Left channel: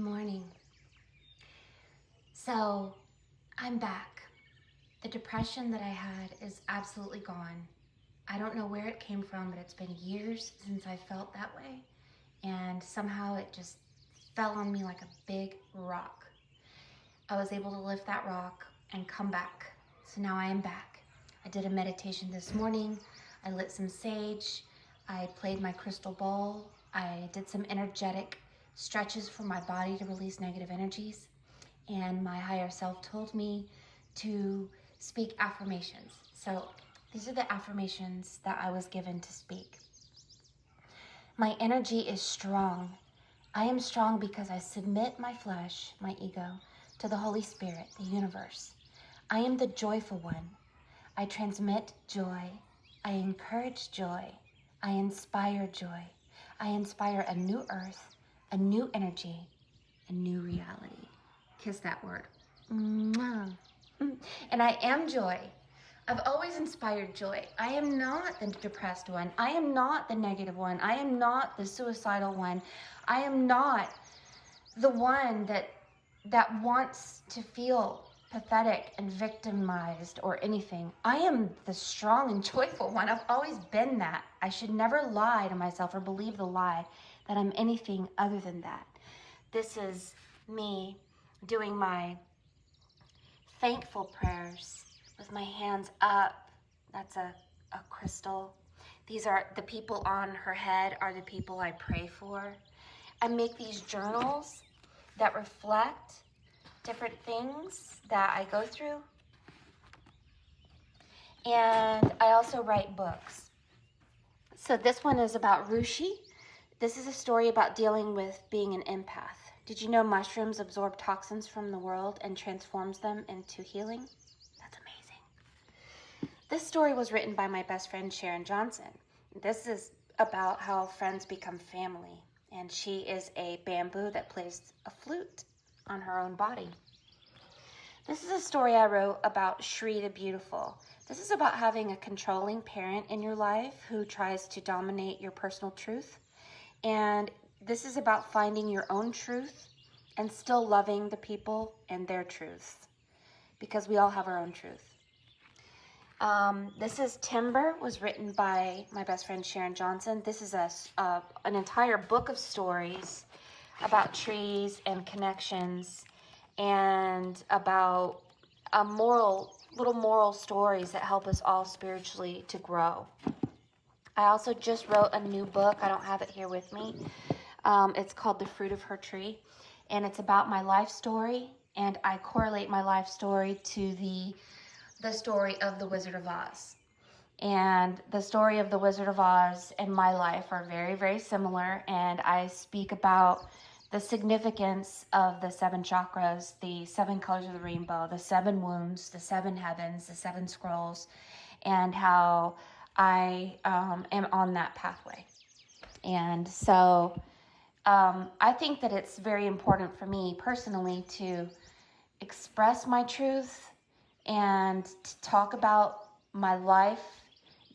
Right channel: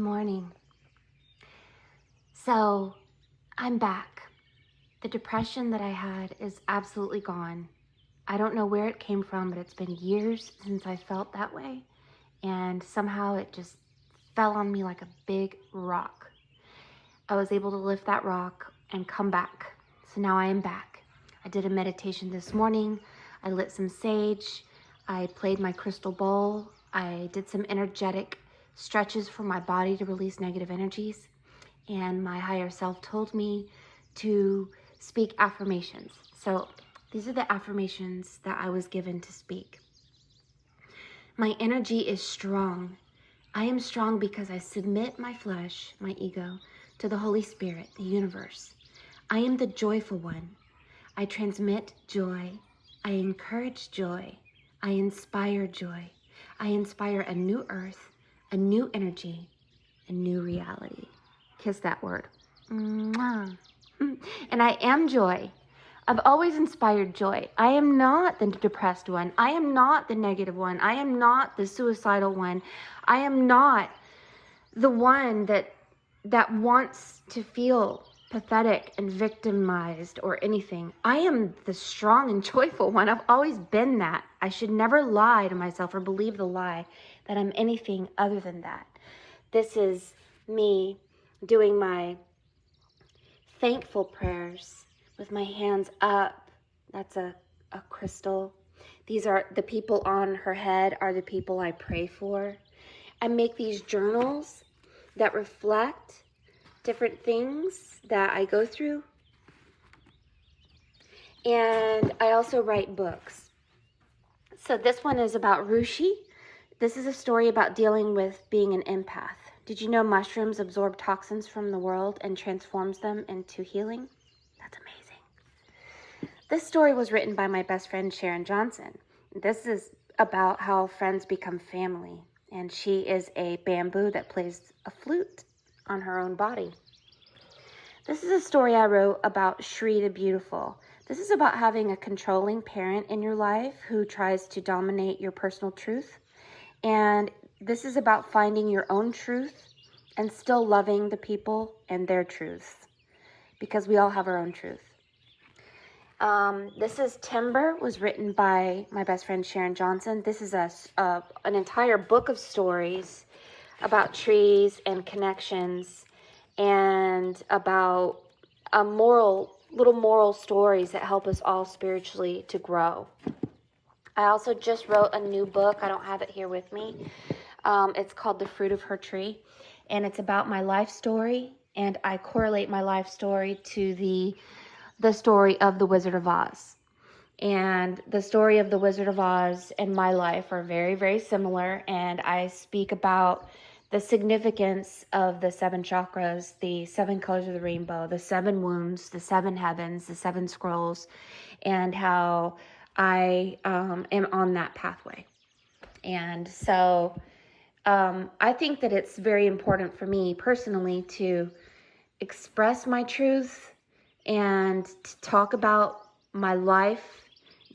morning. So I'm back. The depression that I had is absolutely gone. I don't know where it came from, but it's been years since I felt that way. And somehow it just fell on me like a big rock. I was able to lift that rock and come back. So now I am back. I did a meditation this morning. I lit some sage. I played my crystal bowl. I did some energetic stretches for my body to release negative energies. And my higher self told me to speak affirmations. So these are the affirmations that I was given to speak. My energy is strong. I am strong because I submit my flesh, my ego, to the Holy Spirit, the universe. I am the joyful one. I transmit joy. I encourage joy. I inspire joy. I inspire a new earth, a new energy, a new reality. Kiss that word. Mwah. And I am joy. I've always inspired joy. I am not the depressed one. I am not the negative one. I am not the suicidal one. I am not the one that wants to feel pathetic and victimized or anything. I am the strong and joyful one. I've always been that. I should never lie to myself or believe the lie that I'm anything other than that. This is me doing my thankful prayers with my hands up. That's a crystal. These are the people on her head are the people I pray for. I make these journals that reflect different things that I go through. And I also write books. So this one is about Rushi. This is a story about dealing with being an empath. Did you know mushrooms absorb toxins from the world and transforms them into healing? That's amazing. This story was written by my best friend, Sharon Johnson. This is about how friends become family. And she is a bamboo that plays a flute on her own body. This is a story I wrote about Shri the Beautiful. This is about having a controlling parent in your life who tries to dominate your personal truth. And this is about finding your own truth and still loving the people and their truths, because we all have our own truth. This is Timber, was written by my best friend Sharon Johnson. This is an entire book of stories about trees and connections and about little moral stories that help us all spiritually to grow. I also just wrote a new book. I don't have it here with me. It's called The Fruit of Her Tree, and it's about my life story, and I correlate my life story to the story of the Wizard of Oz. And the story of the Wizard of Oz and my life are very, very similar, and I speak about the significance of the 7 chakras, the 7 colors of the rainbow, the 7 wounds, the 7 heavens, the 7 scrolls, and how I am on that pathway. And so I think that it's very important for me personally to express my truth and to talk about my life.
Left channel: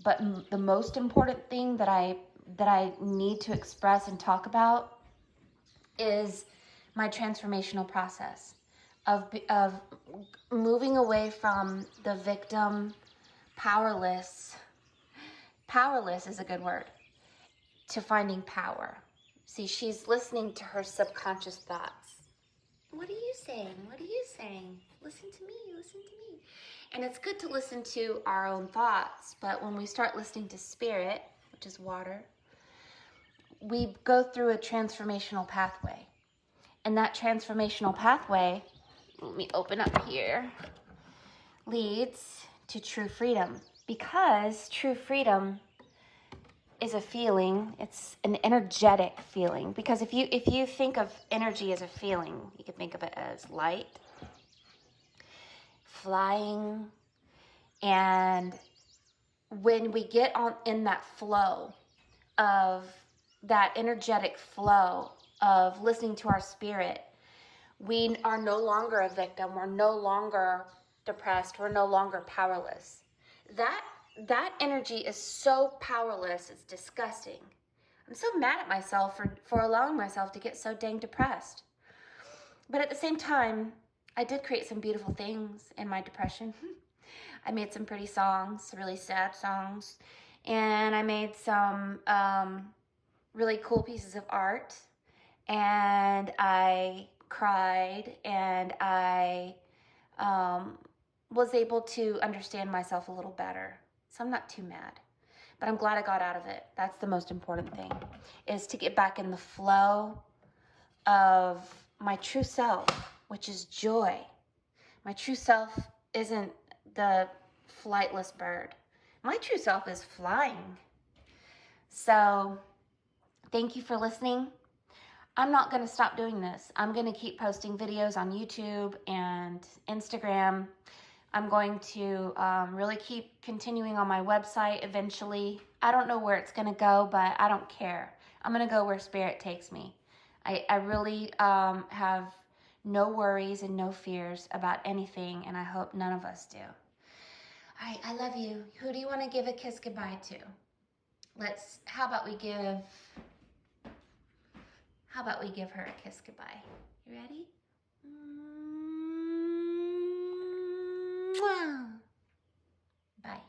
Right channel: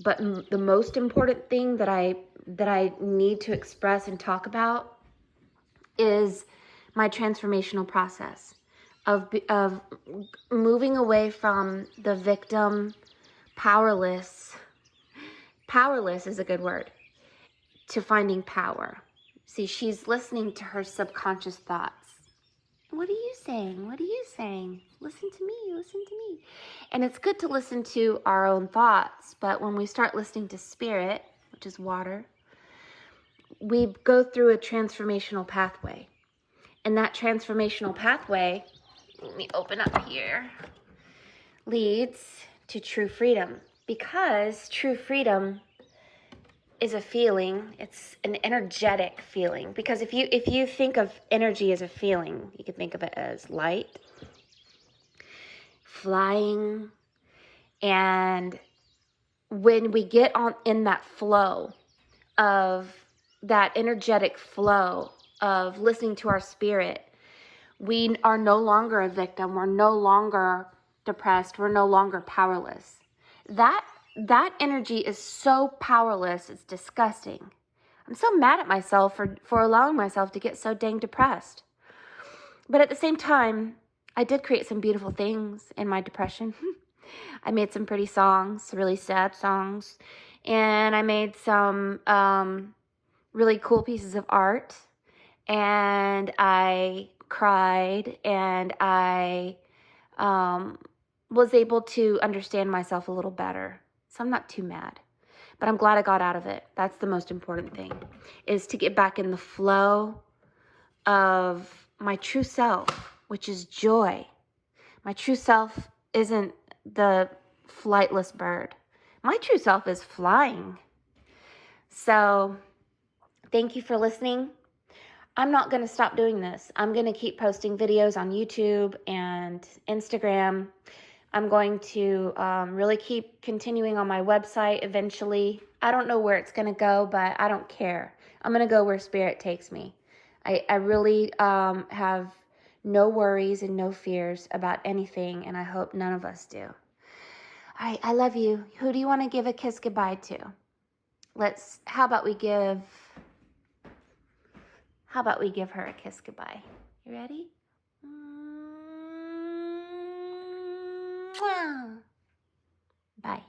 But the most important thing that I need to express and talk about is my transformational process of moving away from the victim, powerless is a good word, to finding power. See, she's listening to her subconscious thoughts. What are you saying? What are you saying? Listen to me, listen to me. And it's good to listen to our own thoughts, but when we start listening to spirit, which is water, we go through a transformational pathway. And that transformational pathway, let me open up here, leads to true freedom. Because true freedom is a feeling. It's an energetic feeling. Because if you think of energy as a feeling, you could think of it as light, flying, and when we get on in that flow of that energetic flow of listening to our spirit, we are no longer a victim. We're no longer depressed. We're no longer powerless. That energy is so powerless, it's disgusting. I'm so mad at myself for allowing myself to get so dang depressed. But at the same time, I did create some beautiful things in my depression. I made some pretty songs, really sad songs, and I made some really cool pieces of art, and I cried, and I was able to understand myself a little better. So I'm not too mad, but I'm glad I got out of it. That's the most important thing, is to get back in the flow of my true self, which is joy. My true self isn't the flightless bird. My true self is flying. So thank you for listening. I'm not going to stop doing this. I'm going to keep posting videos on YouTube and Instagram. I'm going to really keep continuing on my website eventually. I don't know where it's going to go, but I don't care. I'm going to go where Spirit takes me. I really have no worries and no fears about anything, and I hope none of us do. All right, I love you. Who do you want to give a kiss goodbye to? How about we give her a kiss goodbye? You ready? Bye.